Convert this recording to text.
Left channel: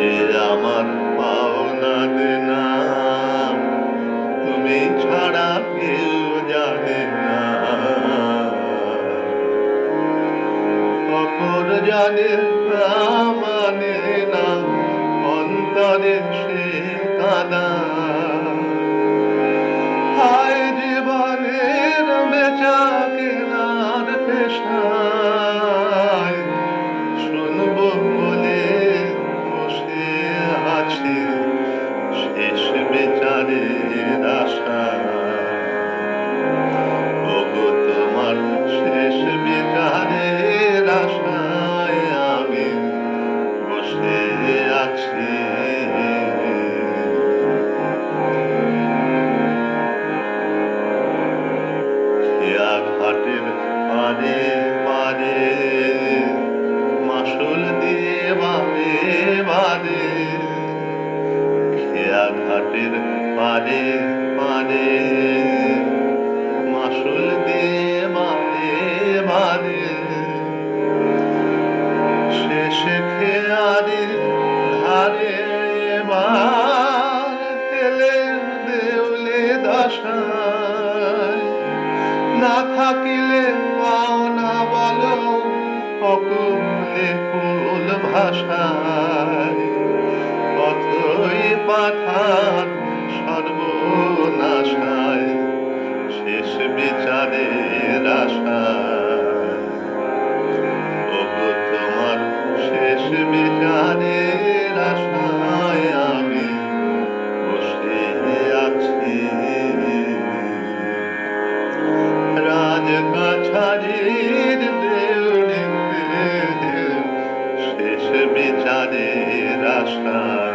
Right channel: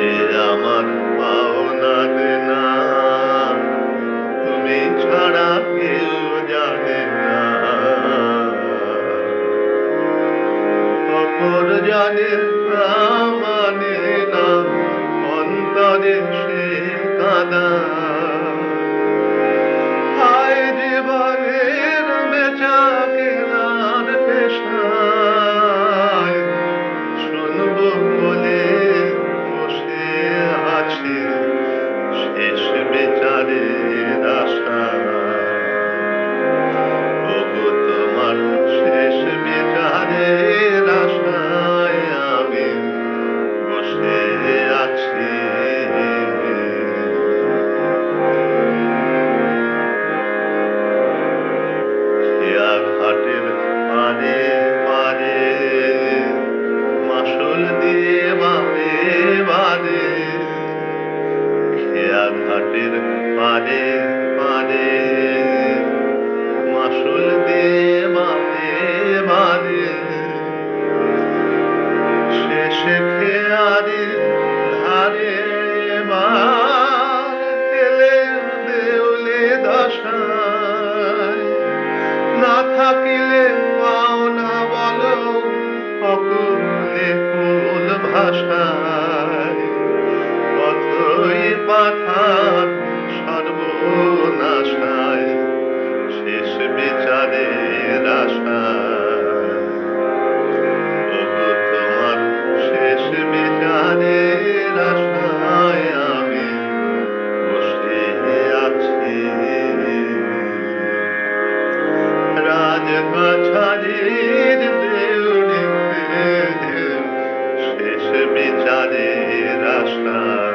যে আমার পাওনা দেনা তুমি ছাড়া কেউ জানে না। অপর জানে তা মানে না, অন্তরে সে কাদা। হায় জীবনের বেচা কেনার পেশায় শুনব বলে বসে আছি শেষ বিচারের আশায়। ওগো তোমার শেষ বিচারের আশায় আমি বসে আছি। ঘাটের পারে পারে মাসুল দিয়ে বারে বারে, খেয়া ঘাটের পারে পারে মাসুল দিয়ে বারে বারে। শেষে খেয়ারে ধারে এবার এলে দেউলে দশায়। না থাকিলে পাওনা বলো অকুলে ফুল ভাষায়। পথই পাথার সর্বনাশায় শেষ বিচারের আশায়। ওগো তোমার শেষ বিচারের আশায় আমি বসে আছি। রাজকাছারির দেউড়িতে শেষ বিচারের আশা।